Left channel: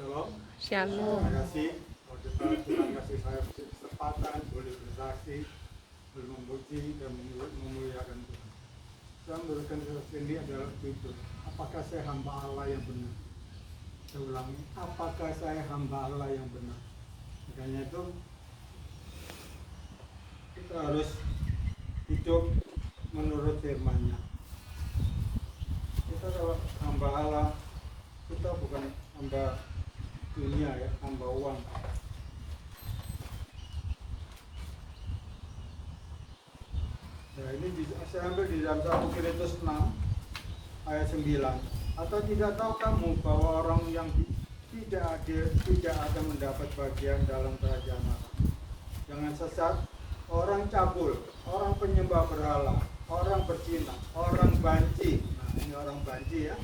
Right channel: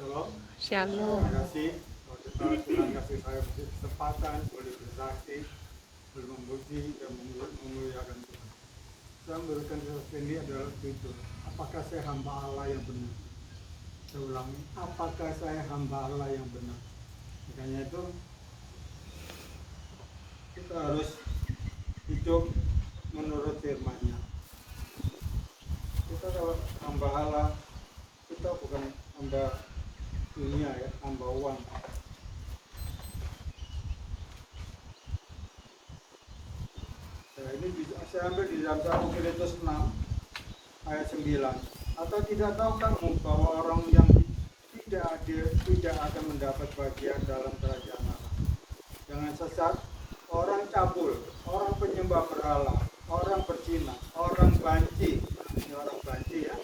Shalom. Shalom. Terima kasih. Kalau kita Tuhan kasih saya kesempatan boleh bersaksi, boleh memuji dan memuliakan Tuhan. Saya memberikan sesuatu ini adalah judul, apakah saya hamba Allah yang benar? Saya ulangi, apakah saya hamba Allah yang benar? Makanya itu kita harus hidup menurut firman-Nya. Kita kalau hamba Allah, kita bukan hamba dunia ya, hamba uang. Nah, ini saya ambil di dalam 1 Korintus 6 ayat 9. Atau tidak tahu kamu bahwa orang yang tidak adil tidak akan mendapat bagian dalam kerajaan Allah. Jangan sesat, orang cabul, orang penyembah berhala, orang berzina, orang banci. Nah, ini orang banci ya.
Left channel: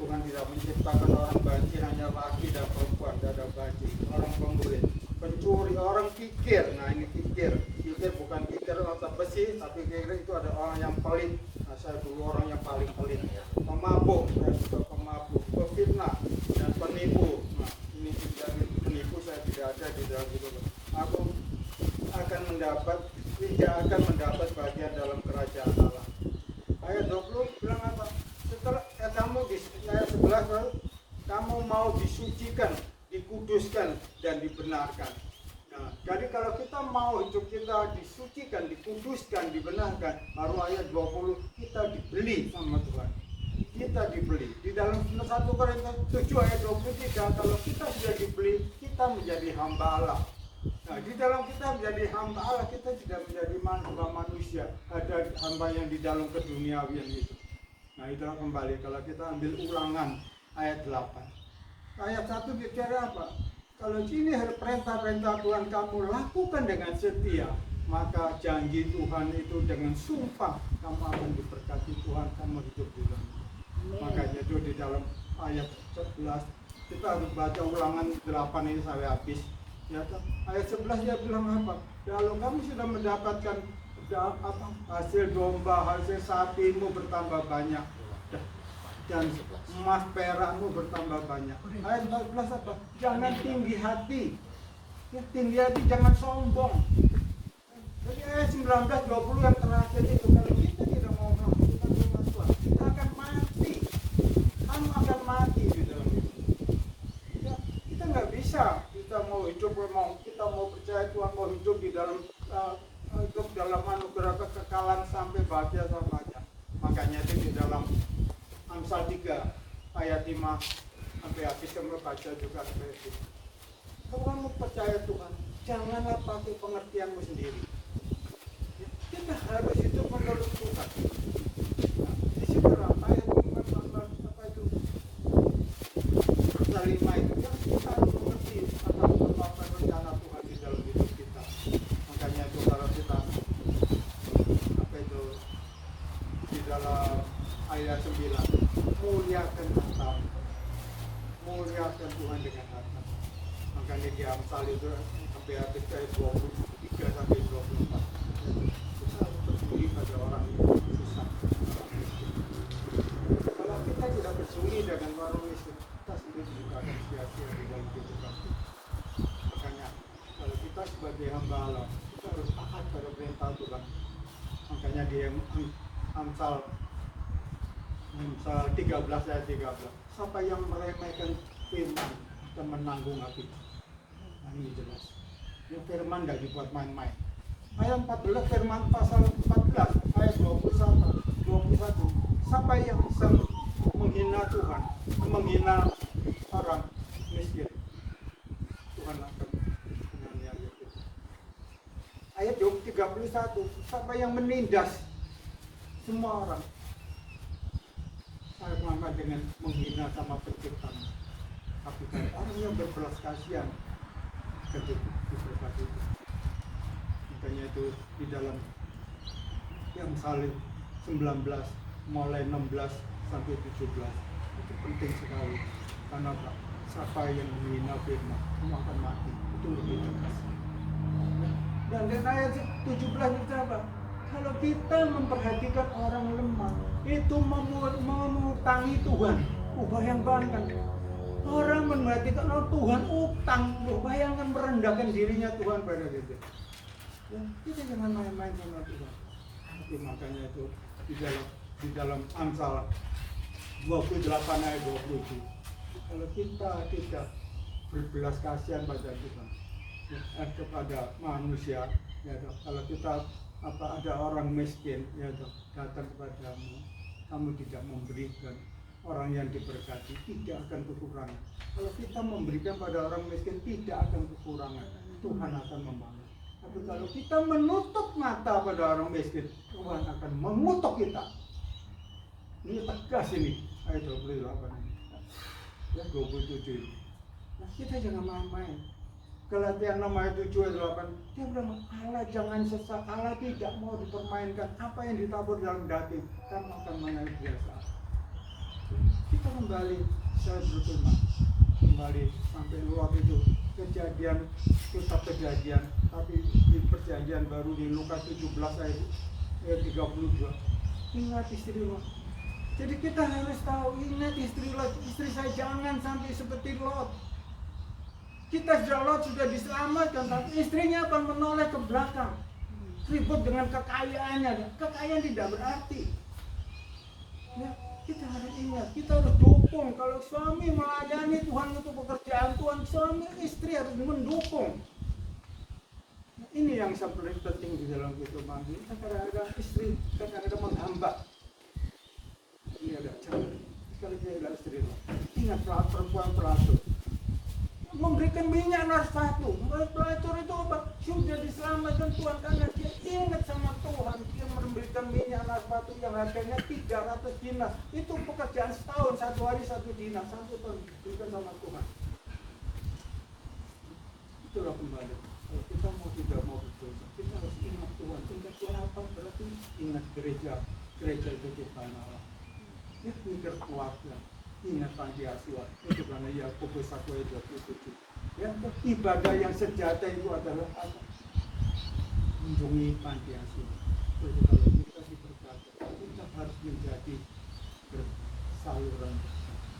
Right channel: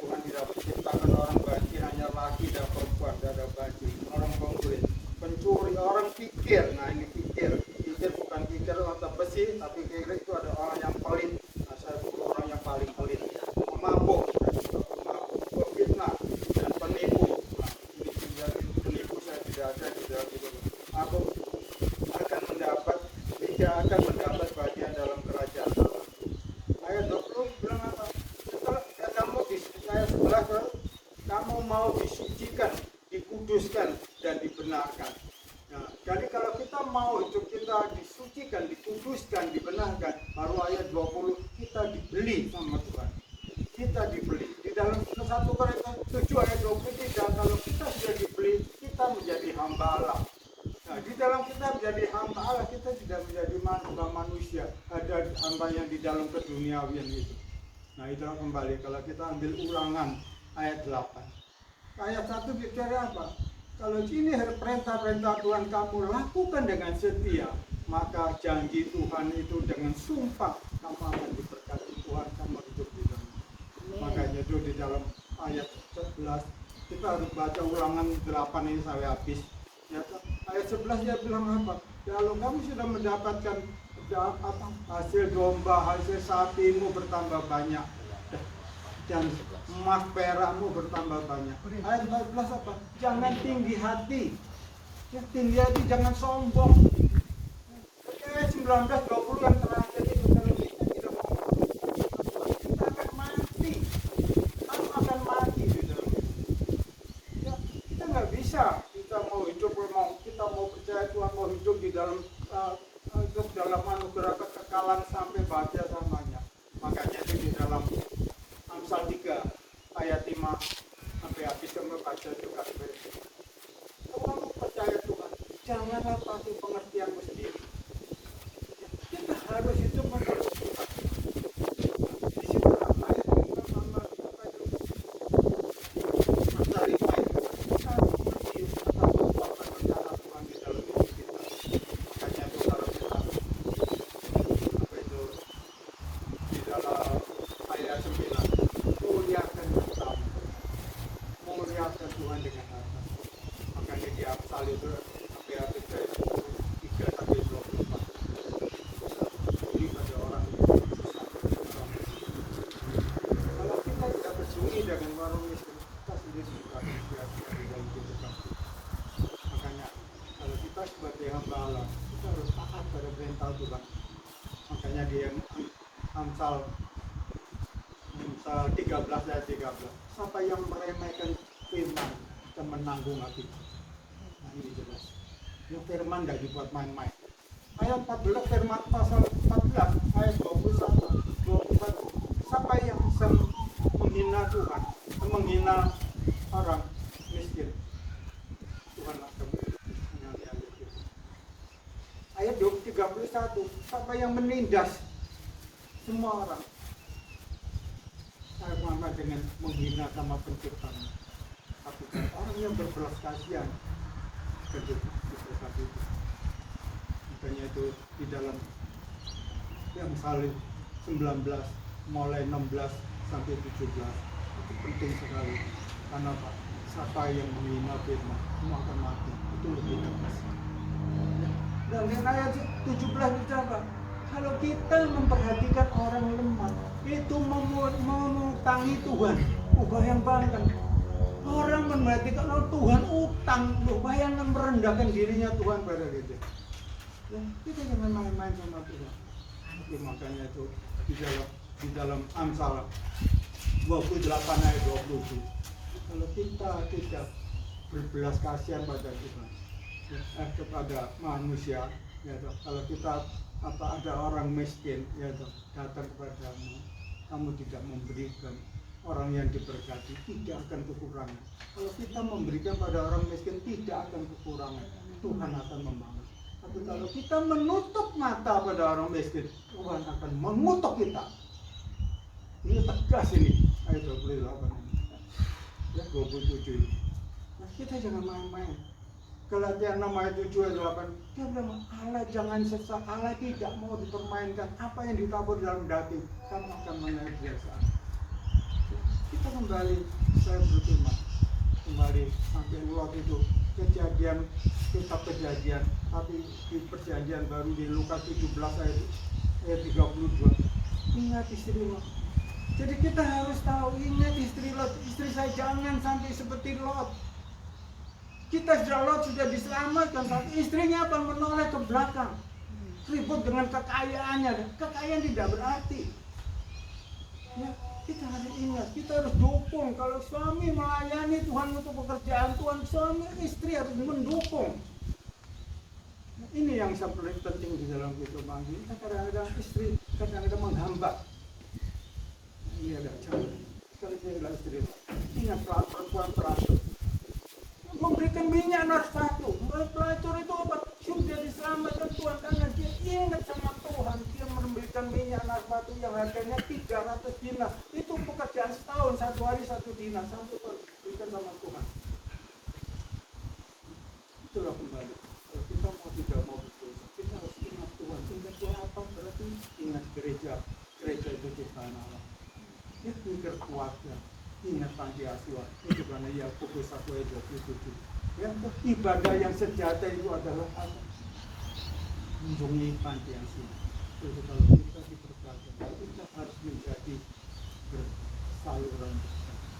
Tuhan tidak menciptakan orang banci, hanya laki dan perempuan, tidak ada banci. Orang pemburit, pencuri, orang kikir. Nah ini kikir. Kikir bukan kikir otak besi, tapi kikir itu ada orang yang pelit. Nah saya dulu orang yang paling pelit. Pemabuk, saya juga pemabuk. Pefitnah dan penipu. Nah ini menjamin penipu, saya tidak ada di dalam itu. Aku tidak akan mendapat bagian dalam kerajaan Allah. Ayat 20 bilang apa? Setelah kamu di ayat 11, kamu mau disucikan, dikuduskan dan dibenarkan. Nah, jadi kalau kita mau hidup kita disucikan, dikuduskan, dibenarkan, baru ayat 20 kita dibeli sama Tuhan. Kita dibeli. Di dalam 1 Korintus 7 ayat 23, kalau kita sudah dibeli, kita menjadi hamba Allah. Nah, di dalam kita menjadi hamba Allah, kita tidak menjadi hamba manusia. Ada hamba yang di dalam keduniawian itu. Nah, itu kembali kalau kita ambil Ulangan ayat 8. Ayat 1 bicara apa? Kalau ini perintah-perintah Tuhan kamu lakukan dengan setia, maka janji Tuhan itu dengan sumpah kamu akan diberkati Tuhan, kamu hidup di dalam. Makanya itu di dalam ayat 11 kita harus baca Ulangan 8 ini sampai habis. Ya, ayat 11 dia bilang apa? Kalau kamu sudah mendapatkan hasil domba, hasil sapimu bertambah banyak, dan emas perakmu bertambah banyak. Ayat 14 apa? Jangan tinggi hati. Ya, tinggi hati, jangan sombong. Tapi ayat 19, 20 yang terakhir itu, kalau kita tidak mau melakukan firman Tuhan, kita akan mati. Kamu akan mati di dalam itu. Ya, kita nggak bisa. Kita mau hidup, kita mau percaya Tuhan, mau hidup di dalam hidup dalam anugerah kekekalan sampai bahagia selamanya. Makanya itu di dalam Amsal 3 ayat 5 sampai habis kamu baca juga seperti itu. Kalau kamu percaya Tuhan, janganlah pakai pengertianmu sendiri. Kita harus hidup menurut Tuhan. Di situ ayat apa itu? Pasal 5 itu kita mengerti apa rencana Tuhan di dalam hidup kita. Makanya itu kalau kita apa itu di dalam ayat 9, muliakan hartamu, muliakan Tuhan dengan harta. Makanya di Amsal itu sampai habis ayat 23 sampai 24. Beri pada orang susah, orang miskin. Kalau kita tidak bersuri dengan orang miskin, kita sudah juga akan sia-sia di dalam kehidupan kita. Makanya kalau kita sebagai hamba Allah, kita harus taat pada perintah Tuhan. Makanya di Amsal 13 ayat 13, siapa yang meremehkan firman akan menanggung akibat. Nah ini jelas. Yang firman tidak dibuat main-main. Ayat 14 firman pasal 14 ayat 21. Siapa yang bisa menghina Tuhan, menghina orang miskin, Tuhan akan menganiaya kita. Ayat 31, siapa yang menindas semua orang, saya sama dengan menghina sama penciptanya. Tapi kalau orang yang berbelas kasihan akan diberkati itu. Makanya itu di dalam yang salib 19 mulai 16 sampai 17 itu penting sekali. Karena apa? Siapa yang menghina firman semua akan mati. Itu lebih tegas. Dan di ayat 17 itu apa? Kalau kita memperhatikan orang lemah, itu memutangi Tuhan. Bayangkan, Orang memperhatikan, oh Tuhan utang, loh bayangkan merendahkan dirinya Tuhan pada gitu. Ya, kita jangan main-main sama Tuhan. Tapi makanya itu di dalam Amsal 28 ayat 27. Kalau kita tidak berbelas kasihan pada Tuhan, ya, kepada manusia, ya, kalau kita ada orang miskin, ya, datang kepadamu, kamu tidak memberikan, orang yang diberkati tidak akan kekurangan. Kalau kita memberikan pada orang miskin tidak akan kekurangan, Tuhan akan membangun. Tapi kalau kita menutup mata pada orang miskin, Tuhan akan mengutuk kita. Ini tegas ini ayat 28 ya 27 ini. Nah, kita jangan main-main. Galatia 6 ayat 7 ayat 8, dia bilang Allah jangan sesak, Allah tidak mau dipermainkan. Apa yang ditabur dalam daging kamu akan menaik biasa. Kita kembali, saya berfirman kembali sampai Lot itu kejadian, kitab Kejadian, tapi di perjanjian baru di Lukas 17 ayat 32. Ingat istri Lot. Jadi kita harus tahu, ingat istri Lot, istri saya jangan sampai seperti Lot. Kita Lot sudah diselamatkan, tapi istrinya akan menoleh ke belakang, ribut dengan kekayaannya. Kekayaan tidak berarti. Ya, kita harus ingat, kita harus dukung. Kalau suami melayani Tuhan untuk pekerjaan Tuhan, suami istri harus mendukung. Nah, ini yang paling penting di dalam kehidupan kita. Kadang-kadang istri kadang-kadang menghambat. Ini agak canggih. Sekali saya adalah istri lo. Ingat perempuan pelacur. Memberikan minyak narfatu. Pelacur itu apa? Sudah diselamatkan Tuhan karena dia ingat sama Tuhan. Dia memberikan minyak narfatu yang harganya 300 dinar. Itu pekerjaan setahun, 1 hari 1 dinar. 1 tahun diberikan sama Tuhan. Itulah kembali. Kalau kita tidak mau berdosa, kita harus ingat Tuhan. Ingat Tuhan apa? Berarti ingat gereja. Gereja itu ciptaan Allah. Ya, mikir keluarga, ingat panti asuhan. Itu karena Yakobus 1 ayat 27. Ya, ibadah yang sejati itu adalah apa? Mengunjungi panti asuhan. Jadi kalau kita diberkati, kita harus menjadi bersaluran.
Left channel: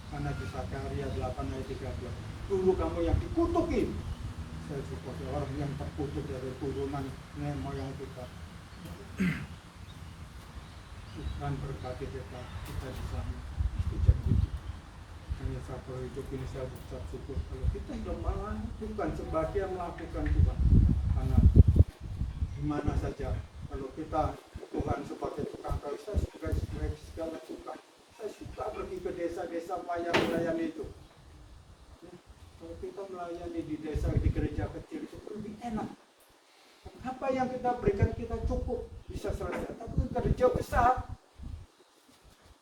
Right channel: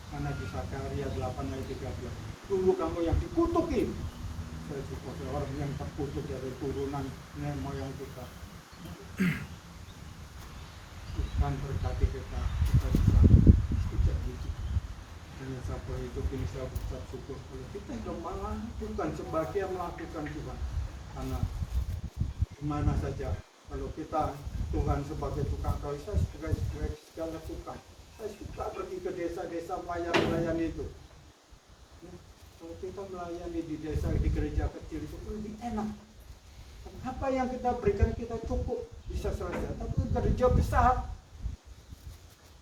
Karena di Zakaria 8 ayat 13. Dulu kamu yang dikutuki, saya support orang yang terkutuk dari turunan nenek moyang kita. Tuhan berkati kita bisa setuju gitu. Hanya sabar hidup ini saya ucap syukur. Kalau kita sudah melakukan sebagian melakukan Tuhan, karena dimana saja kalau kita Tuhan sebagai tukang kayu, saya sebagai segala tukang, saya suka pergi ke desa-desa melayani itu. Ya, kalau kita melayani di desa, di gereja kecil itu lebih enak. Apa yang kita berikan kita cukup bisa selesai. Tapi gereja besar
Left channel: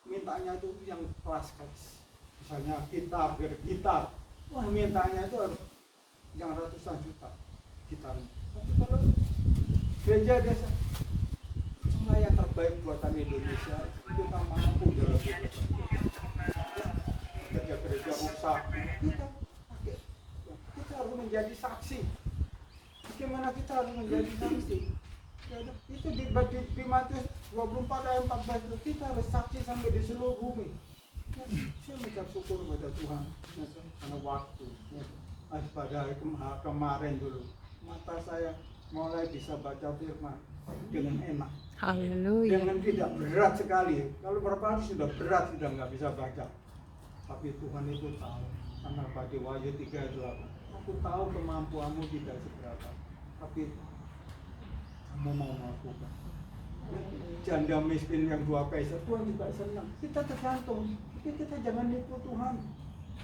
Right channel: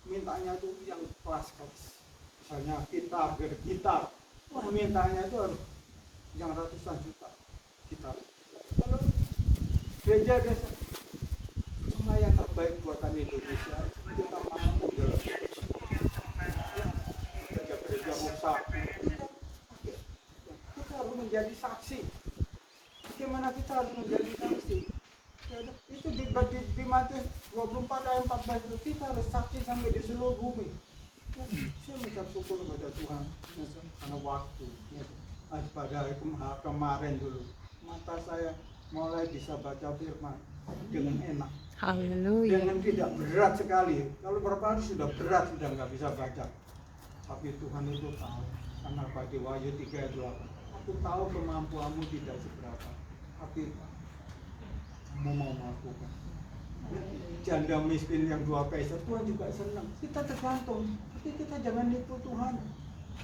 mintanya itu yang kelas-kelas. Misalnya gitar. Wah, mintanya itu harus yang ratusan juta gitar. Tapi kalau gereja desa cuma yang terbaik buatan Indonesia, kita mampu dalam itu. Ya, gereja rusak, kita harus menjadi saksi. Bagaimana kita harus menjadi saksi? Ya, itu di Matius 24 ayat 14 itu kita harus saksi sampai di seluruh bumi. Ya, saya mengucap syukur kepada Tuhan ya, karena waktu. Ya, pada hari kemarin dulu mata saya mulai bisa baca firman dengan enak. Haleluya. Dengan tidak berat sekali. Kalau berapa hari sudah berat, sudah nggak bisa baca. Tapi Tuhan itu tahu. Karena pada Wahyu 3 ayat 8. Aku tahu kemampuanmu tidak seberapa. Tapi kamu mau melakukan. Janda miskin yang 2 peser, Tuhan juga senang. Kita tergantung, tapi kita jangan nipu Tuhan.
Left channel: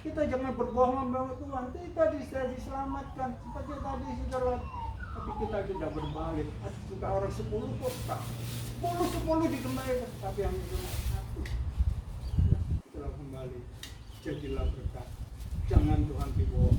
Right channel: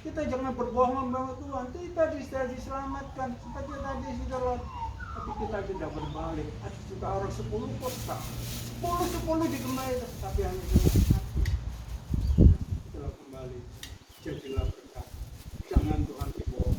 Kita jangan berbohong bahwa Tuhan kita sudah diselamatkan seperti tadi sudah Lot. Tapi kita tidak berbalik. Ada juga orang 10 kota, 10 dikembalikan, tapi hanya cuma 1. Itulah kembali. Jadilah berkat. Jangan Tuhan dibohong.